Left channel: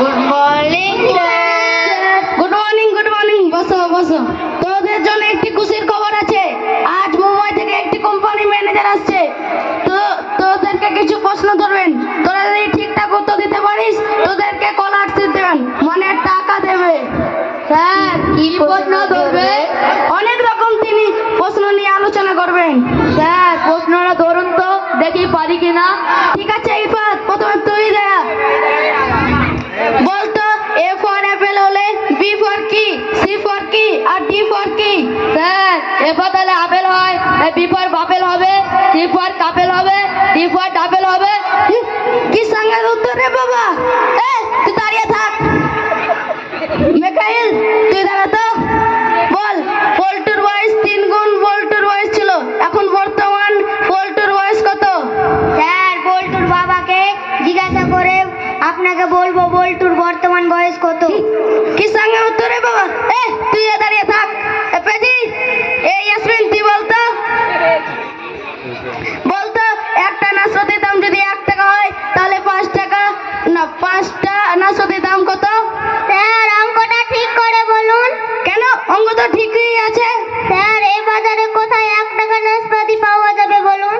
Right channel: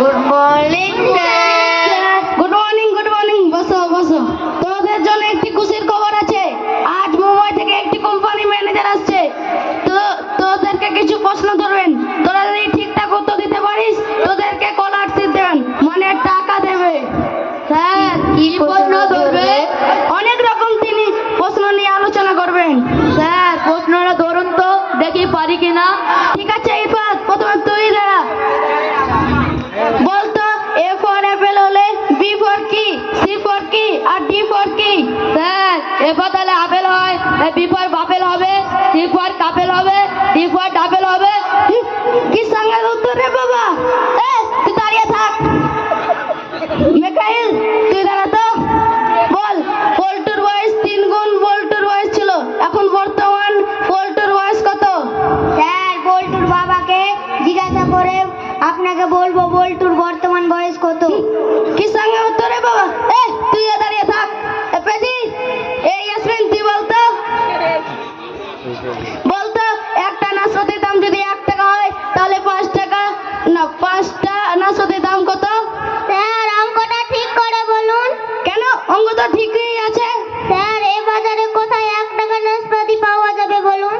Good morning good morning, good morning. বসো বসো। তোদের জন্য একটি খুশির খবর আছে। আজ মুম্বাই থেকে একটি কোম্পানি ম্যানেজার আসছে। তো তোদেরকে কিছু প্রশ্ন ধরবেন, তোরা যদি ঠিকঠাক উত্তর দিতে পারিস তোদেরকে স্কলারশিপ দেবেন, মানে টাকা দেবে। স্যার কি প্রশ্ন ধরবে? অনেক রকম তিনি প্রশ্ন নিয়ে আলোচনা করবেন। স্যার প্রশ্নটা ধরুন তো, দেখি পারি কিনা। ঠিক আছে, ইরফাত প্রথমে তুই দাঁড়া। বলতো এ ফর অ্যাপেল হলে বি ফর কি, সি ফর কি আর ডি ফর কি? স্যার এবার তাহলে আপেল হয়, বি ফর বাপেল হবে, সি ফর কাপেল হবে, ডি ফর ডাপেল হবে। কি সঙ্গের উত্তর রে বাবা? তুই দাঁড়িয়ে থাক। মিকাইল তুই দাঁড়া তো। বল, পল্টুর বয়স 3 গুণ বল্টুর বয়স ছিল, এখন বর্তমান পল্টুর বয়স কত? স্যার বল্টুর বাবাকে জিজ্ঞাসা করে আপনাকে বলবো বল্টুর বর্তমান বয়স কত। কি সঙ্গের উত্তর রে বাবা? তুই দাঁড়িয়ে থাক। পেজি এই ইয়াসমিন তুই বলতো। বলতো একটা নাশপাতির দাম যদি 1 টাকা হয় তাহলে 5 টাকা না 5টা নাশপাতির দাম কত? স্যার অঙ্কটা ঠিক করে বলুন। কেন, অঙ্ক তো ঠিকই আছে। স্যার এই বাজারে কোথায় 1 টাকা নাশপাতি পাওয়া যাবে বলুন।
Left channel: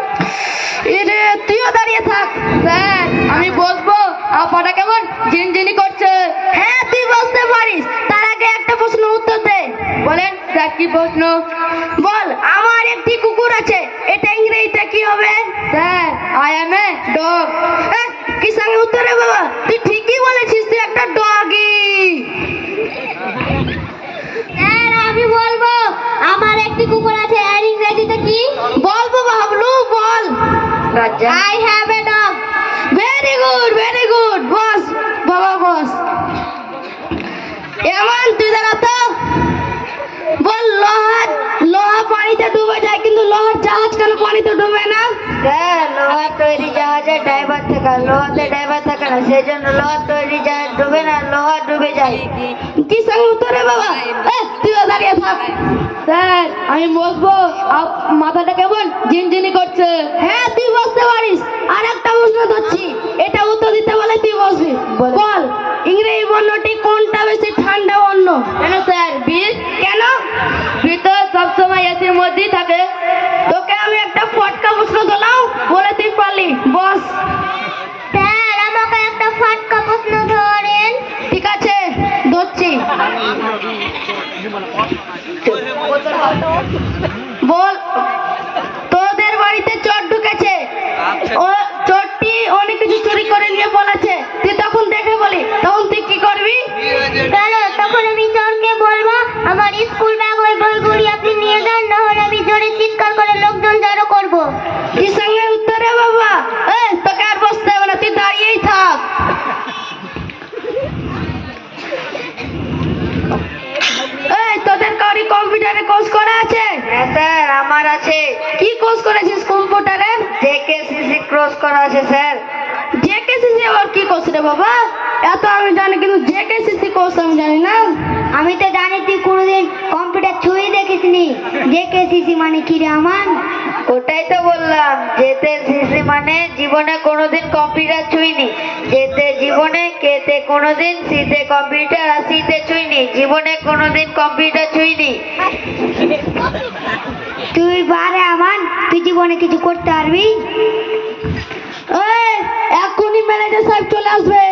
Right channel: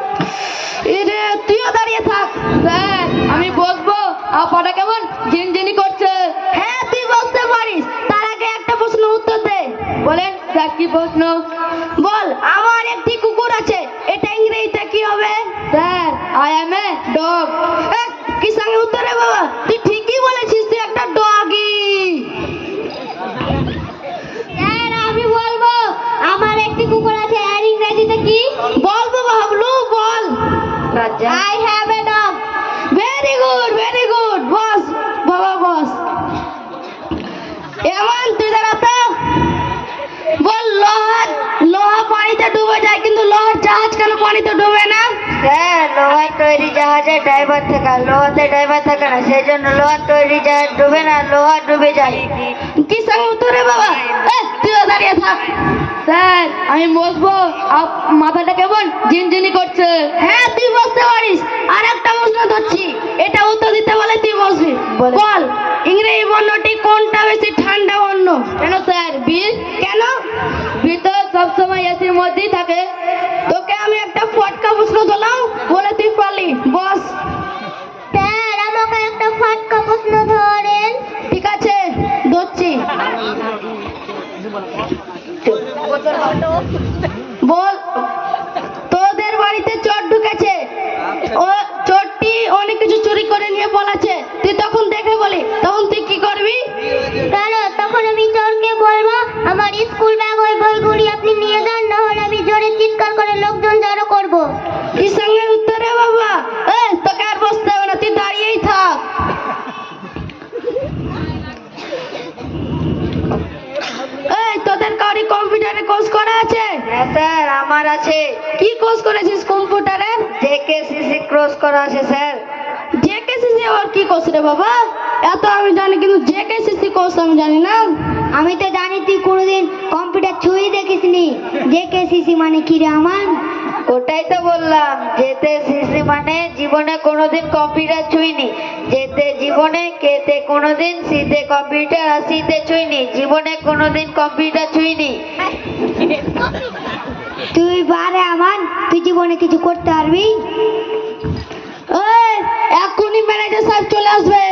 এরে তুইও দাঁড়িয়ে থাক। স্যার আমি বসবো, আপাটা কেমন ঝিনঝিনি করছে। হ্যাঁ তুই বলতে পারিস, তার আগে একটা প্রশ্ন উত্তর দে। বলেন স্যার কি প্রশ্ন? বল, আমার একটি কুকুর আছে, এটা ইংরেজিতে কি হবে? Sir I M a dog. কি সঙ্গে উত্তর রে বাবা? তুই ঠিকই বলেছিস, তুই একটা ডগি। স্যার আমি বলবো আমার একটি কুকুর আছে, আর ইংরেজিতে কি? বল বাবা হাবলু, বল। I have a dog. Very good, very good. বস বাবা বস। এমন তুই দাঁড়া তো। বল, লোহা পানিতে ডুবে যায় কিন্তু লোহার জাহাজ কেন পানিতে ডুবে না? স্যার লোহার তৈরি জাহাজে ড্রাইভার থাকে, লোহাতে ড্রাইভার থাকে না, সেই জন্য লোহার তৈরি জাহাজ ডুবে না, লোহা ডুবে যায়। কি সঙ্গে উত্তর রে বাবা? তুইও দাঁড়িয়ে থাক। স্যার আমি বসবো, মাথাটা কেমন ঝিনঝিনি করছে। হ্যাঁ তুই বসতে পারিস। আর একটা প্রশ্ন ধরছি, এটা উত্তর দিতে বলে তুই বসবি। বলেন। বল, ইংরেজি বর্ণটি কোনটা বেশি ঠান্ডা বর্ণ? কেন স্যার? বি। কেন? ভিতর সবসময় এসির মধ্যেই থাকে। তোকে আমি একটা ফটকা প্রশ্ন দিলাম, বলে তুই পারলি। বস। স্যার আমাকে একটা ফাটকা প্রশ্ন ধরেন। ঠিক আছে, ধরছি। বল, তোদের বাড়িতে চোর ঢুকেছে, ও চোরটি অনেক কিছু চুরি করে নিয়ে পলাচ্ছে, তুই তখন দেখে বলি, তখন তুই কি করবি? কেন? তখন আমি চোরকে বলবো আমার স্কুল ব্যাগ ওই বইগুলি আপনি নিয়ে যান, না হলে আমি জোরে চিৎকার করে লোকজন জড়ো করবো। কি সঙ্গে উত্তর রে বাবা? তোকে আর বসতে হবে না, তুই দাঁড়িয়েই থাক। তোদের কারি কম্পিউটারে কোর্স করা আছে? হ্যাঁ স্যার আমার আছে। কি কোর্স করেছিস কম্পিউটারের? জেকেসিসি ক্রস করা আছে স্যার। জেকেসিসি আবার কি কোর্স রে বাবা? এত আমি জানি কিন্তু জেকেসিসি কোর্স আমি জানি না। আমি তো জানি তুই কোনোদিন কম্পিউটার ছুঁয়ে দেখিসনি। জেকেসিসি মানে কি রে আমার? ওটাই তো বললাম, যেতে সিসি মানে জীবনে কোনোদিন কম্পিউটার ছুঁইনি, যেতে জীবনে, কেতে কোনোদিন, সিতে কম্পিউটার আর সিতে ছুঁইনি, জীবনে কোনোদিন কম্পিউটার ছুঁইনি। তুই বারে আমার, তুই জীবনে কিছু করতে পারবি? এখনই ম্যানেজার সাহেব চলে আসবে।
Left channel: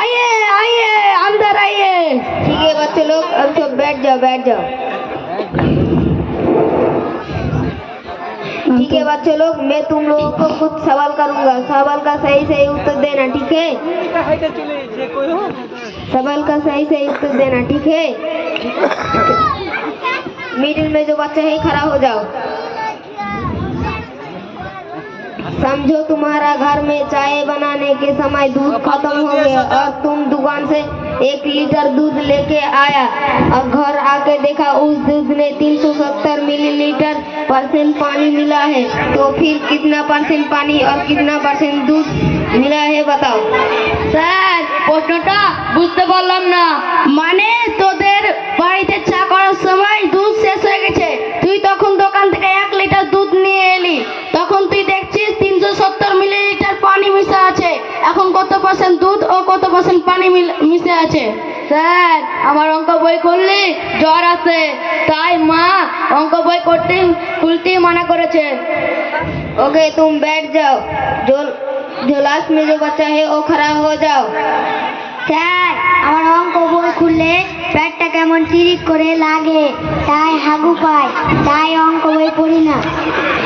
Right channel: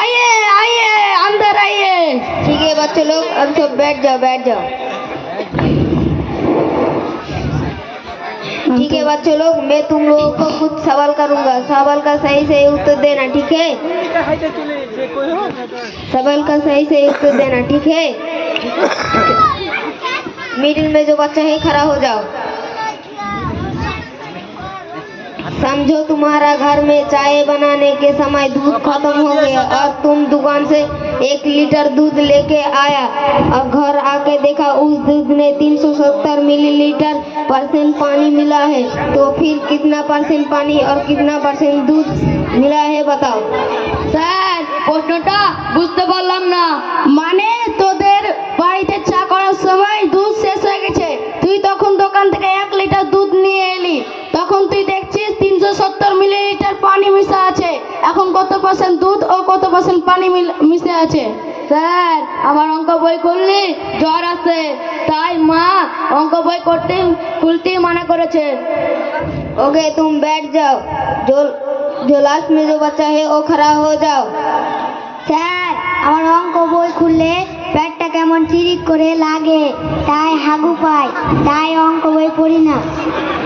आइए आइए अंदर आइए। ठीक है बच्चे लोग, अब सब बैठ जाओ, बैठ जाओ। ठीक है बच्चे लोग, मैं तुम लोगों को कुछ सवाल करूंगा, सवाल का सही सही उत्तर देना, ठीक है? सवाल का सही सही उत्तर देना, ठीक है? मिडिल में जो बच्चा है खड़ा हो जाओ। समझो तुम्हारा घर में चाय बनाने के समय दूध खत्म हो गया और तुम दुकान से 1 लीटर दूध लेके आया और घर आके देखा उस दूध में 370 मिलीलीटर परसेंट पानी मिला है, तो फिर कितना परसेंट पानी और कितना परसेंट दूध मिला है बताओ। স্যার প্রশ্নটা বুঝতে পারলাম না। মানে তোদের বাড়িতে চা করার সময় দুধ শেষ হয়ে গেছে, তুই তখন দোকান থেকে 1 লিটার মা অঙ্ক বই করতে খুলতেই মানা করেছে। ओके तुम बैठ जाओ। जो लास्ट में जो बच्चा है वो खड़ा हो जाओ। স্যার আমার অঙ্ক বই খুললে পেটটা কেমন চিরিক করে লাগে, তাই হাগু পায়, তাই অঙ্ক বই পড়ি না।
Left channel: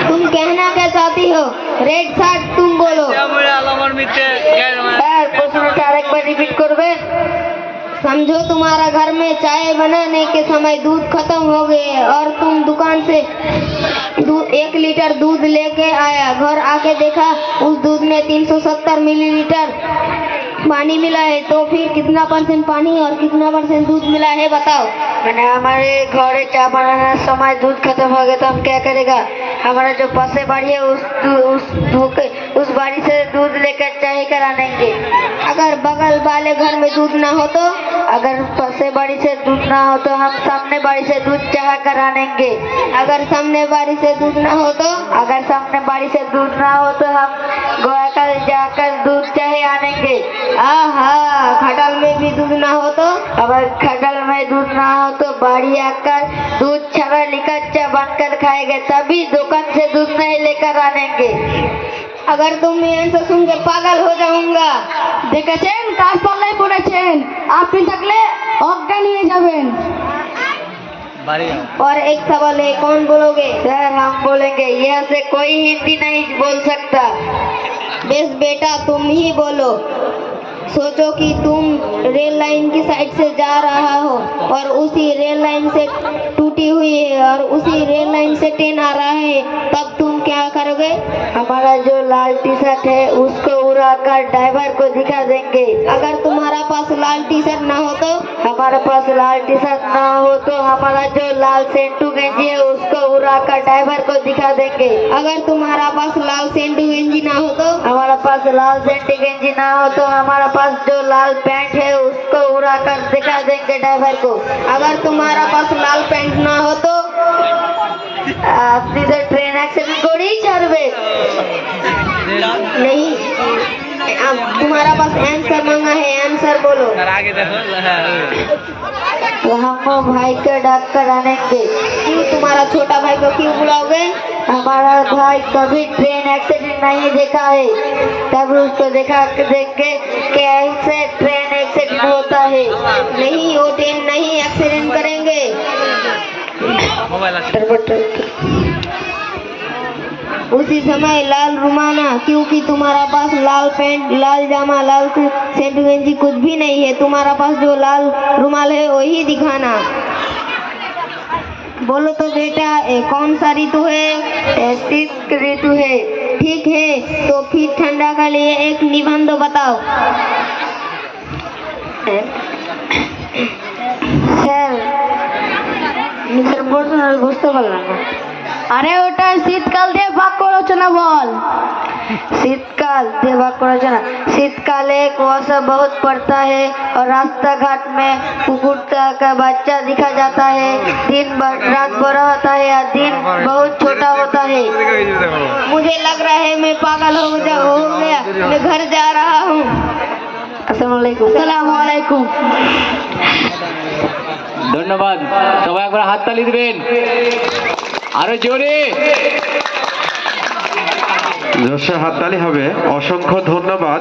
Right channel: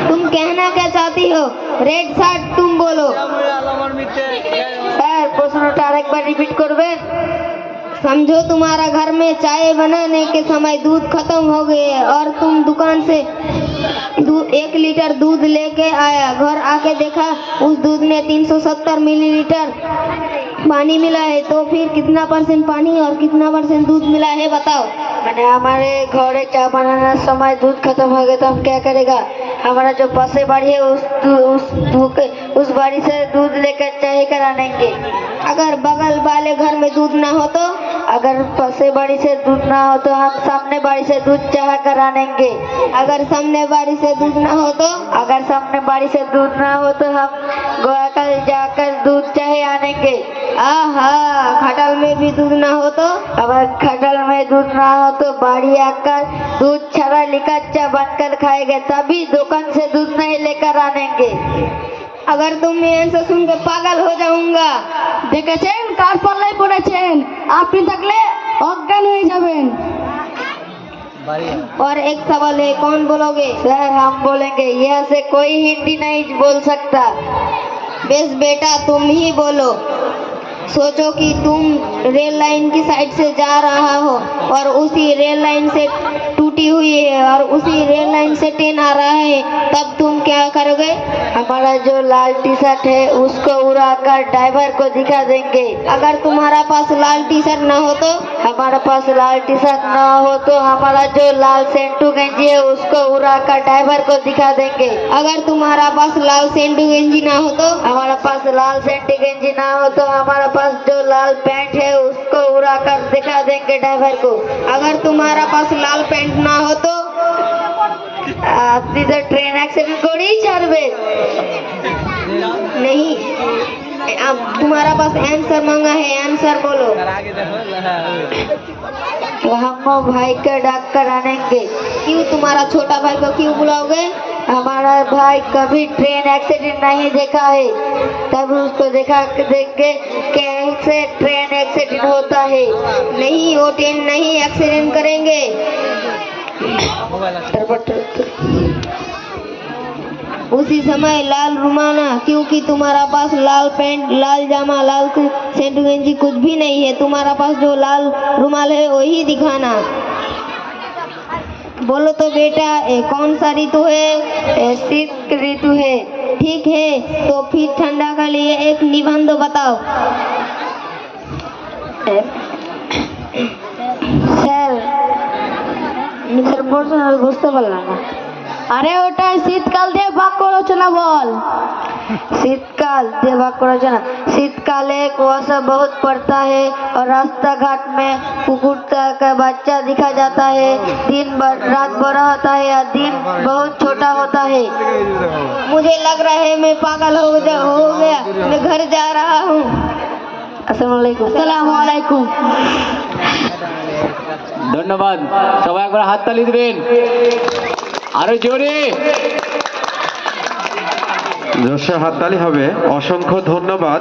तुम कहना क्या चाहती हो? रेड शर्ट तुम बोलो। স্যার প্রশ্নটা আরেকবার রিপিট করবে? समझो तुम्हारा घर में चाय बनाने के समय दूध खत्म हो गए और तुम दुकान से 1 लीटर दूध लेके आया। घर आके देखा उस दूध में 370 मिलीलीटर पानी मिला है। तो फिर कितना % पानी और कितना % दूध मिला है बताओ। मैंने हमारे घरे चाय बनाने समय दूध खत्म हो गया तो हम क्या करेगा? हमारा जो पासे बाड़ी है उस बाड़ी से दूध लेकर चाय करानेंगे। अगर बगल वाले घर में दूध ना हो तो? अगर पासे बाड़ी से दूध ना हो तो हम सामने बाड़ी से दूध चाय करानेंगे। अगर सामने बाड़ी से दूध ना हो तो? अगर सामने बाड़ी से दूध ना हो तो हम गोया जाकर दूध चाय आनेंगे। आहा, खटल में भी दूध ना हो तो? अगर खटल में दूध ना हो तो बाड़ी आकर दूध छड़ा लिकच्चा बनकर खाएगा, तभी दुकान से दूध नहीं लेकर आनेंगे। अगर तुम ये आंसर सुनकर पागल हो जाऊंगा। দেখেছেন কার পাল্লায় পড়েছেন, আপনি থাকলে অজ্ঞান হয়ে যাবেন। और एक सवाल है, कौन बोलोगे? सर हम बोलेंगे, यहाँ से कोई हिंदी नहीं बोल सकता। बेस बेटा तुम ही बोलो। सोचो कि तुम रेल लाइन की साइड से जा रहा हो और उसी रेल लाइन से टूटी हुई है और उसी रेल लाइन से ट्रेन आ रहा है, तब तुम क्या करोगे? हमारा जो लाल टी शर्ट है उसको उड़ाकर ड्राइवर को दिखा देंगे। अगर तुम्हारा पास लाल टी शर्ट ना हो तो? हमारे पास लाल टी शर्ट ना हो तो हमारा जो लाल सेंटू गंजी है उसको उड़ाकर ड्राइवर को दिखा देंगे। अगर तुम्हारा पास लाल सेंटू गंजी ना हो तो? हमारा पास लाल सेंटू गंजी ना हो तो हमारा पास जो लाल पैंट है उसको उड़ाकर दिखा देंगे ड्राइवर को। अगर तुम्हारा पास लाल पैंट ना हो तो? আপনি তো ট্রেন অ্যাক্সিডেন্ট করেই ছাড়বে। नहीं, अब तुम्हारा पास आंसर मांगा है, आंसर बोलो। हम भाई को डाक कर आनेंगे। क्यों तुम्हारा छोटा भाई को क्यों बुलाओगे? हमारा भाई कभी ट्रेन एक्सीडेंट नहीं देखा है, तब उसको देख के कैसे ट्रेन एक्सीडेंट होता है। नहीं, वो ट्रेन नहीं एक्सीडेंट करेंगे। उसी समय लाल रुमाना, क्योंकि तुम्हारा पास लाल पैंट, लाल जामा, लाल सेंट गंजी कुछ भी नहीं है। तुम्हारा पास जो लाल रुमाल है वही दिखाना। बोलो तो बेटा, कौन सा ऋतु है? शीत ऋतु है। ठीक है, तो फिर ठंडा के लिए एक निबंध बताओ। স্যার নিজের প্রশ্ন বুঝতে পারলাম না। আরে ওটা শীতকাল দিয়ে বাক্য রচনা বল। शीतकाल দিয়ে বাক্য রচনা। शीतकाले कुआसा बहुत पड़ता है और रास्ता घाट में कुकुरता का बच्चा दिखा जाता है। दिन रात बड़ा होता है और दिन बहुत छोटा होता है। मुझे लग रहा है मैं पागल हो गया, मैं घर जा रहा हूँ। আসসালামু আলাইকুম। ধন্যবাদ, সবাই একবার হাততালি দিবেন আরো জোরে। জোরসে হাততালি হবে। অসংখ্য ধন্যবাদ।